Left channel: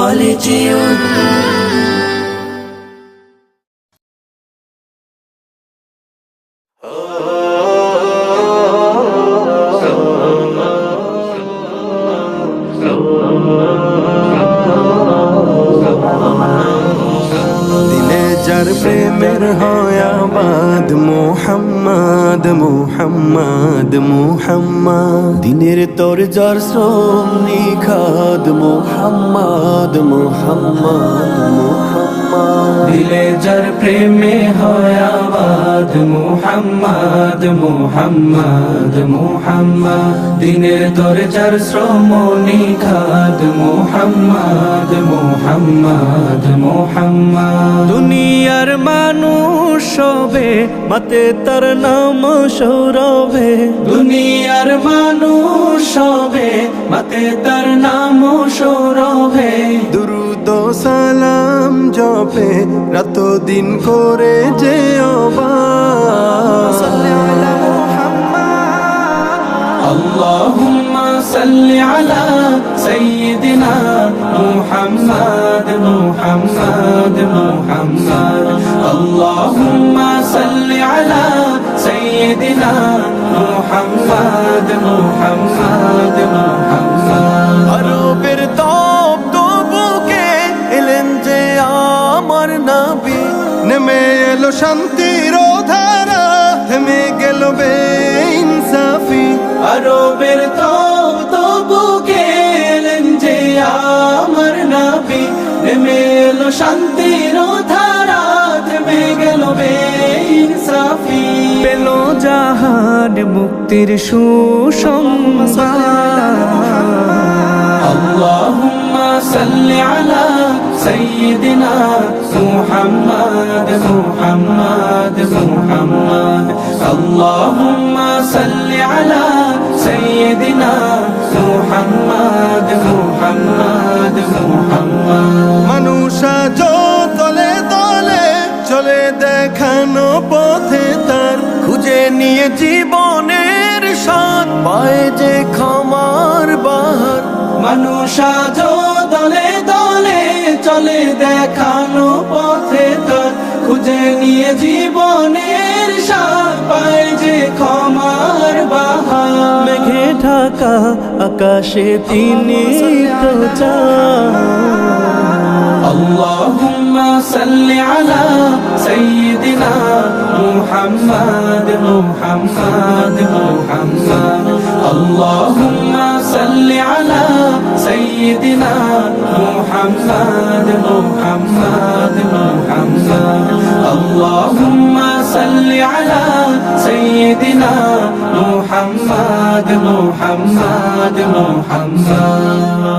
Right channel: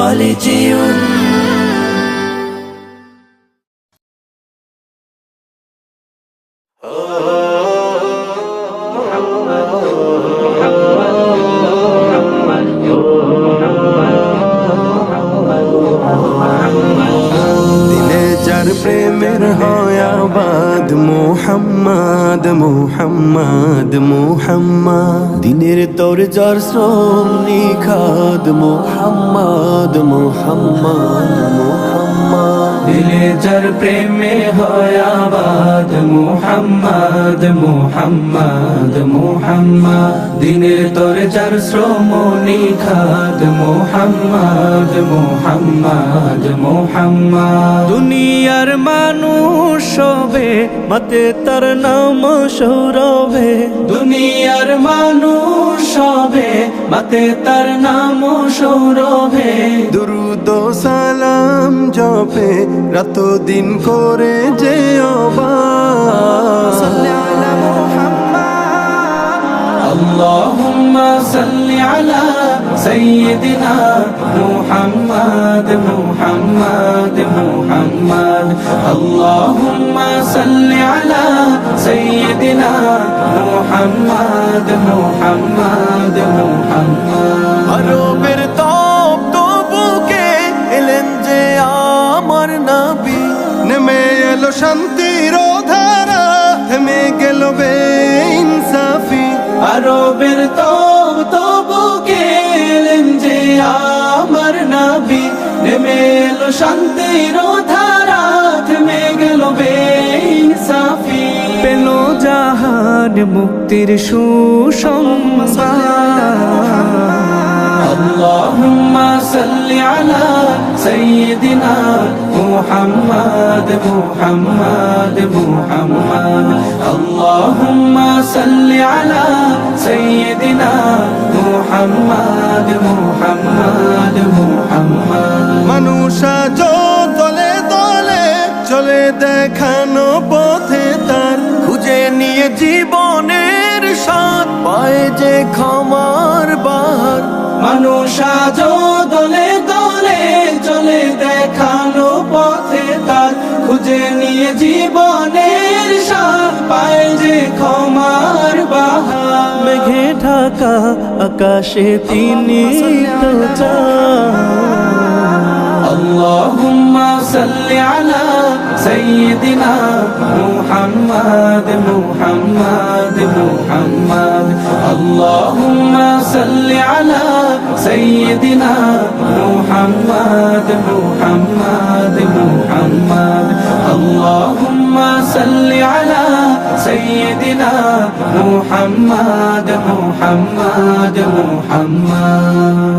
خالدون যার প্রেমের হয় আবাদ মোহাম্মদ মোহাম্মদ মোহাম্মদ দিনের তোর যার শ্রম নিখাদ মোহাম্মদ মোহাম্মদ মোহাম্মদ দিলে যার প্রেমে হয় আবাদ মোহাম্মদ মোহাম্মদ মোহাম্মদ দিনের তোর যার শ্রম নিখাদ মোহাম্মদ মোহাম্মদ মোহাম্মদ দুনিয়ার মানুষ সবে মতে তার নাম সৌরভে দুনিয়ার মানুষ সবে মতে তার নাম সৌরভে দুরুদ ও সালাম জপে রাত দিন করে যে اللهم صل على سيدنا محمد محمد محمد اللهم صل على سيدنا محمد محمد محمد আরবের তপ্ত বুকে এলেন যে আমার নবী নেমে এলো শান্তির ধারা থেমে গেল বেইনসাফি আরবের বুকে এলেন যে আমার নবী নেমে এলো শান্তির ধারা থেমে গেল বেইনসাফি পেল জাহান মুক্তির সুসংবাদ اللهم صل على سيدنا محمد محمد محمد اللهم صل على سيدنا محمد محمد محمد মানুষ আজ দলে দলে চলে দেখানো পথে তার খুঁজে নিয়ে জীবনের স্বাদ পায় যে ক্ষমার বাহার মানুষ আজ দলে দলে চলে দেখানো পথে তার খুঁজে নিয়ে জীবনের স্বাদ পায় যে ক্ষমার বাহার মেঘে ঢাকা আকাশে তিনি তো চাঁদ اللهم صل على سيدنا محمد محمد محمد اللهم صل على سيدنا محمد محمد محمد اللهم صل على سيدنا محمد محمد محمد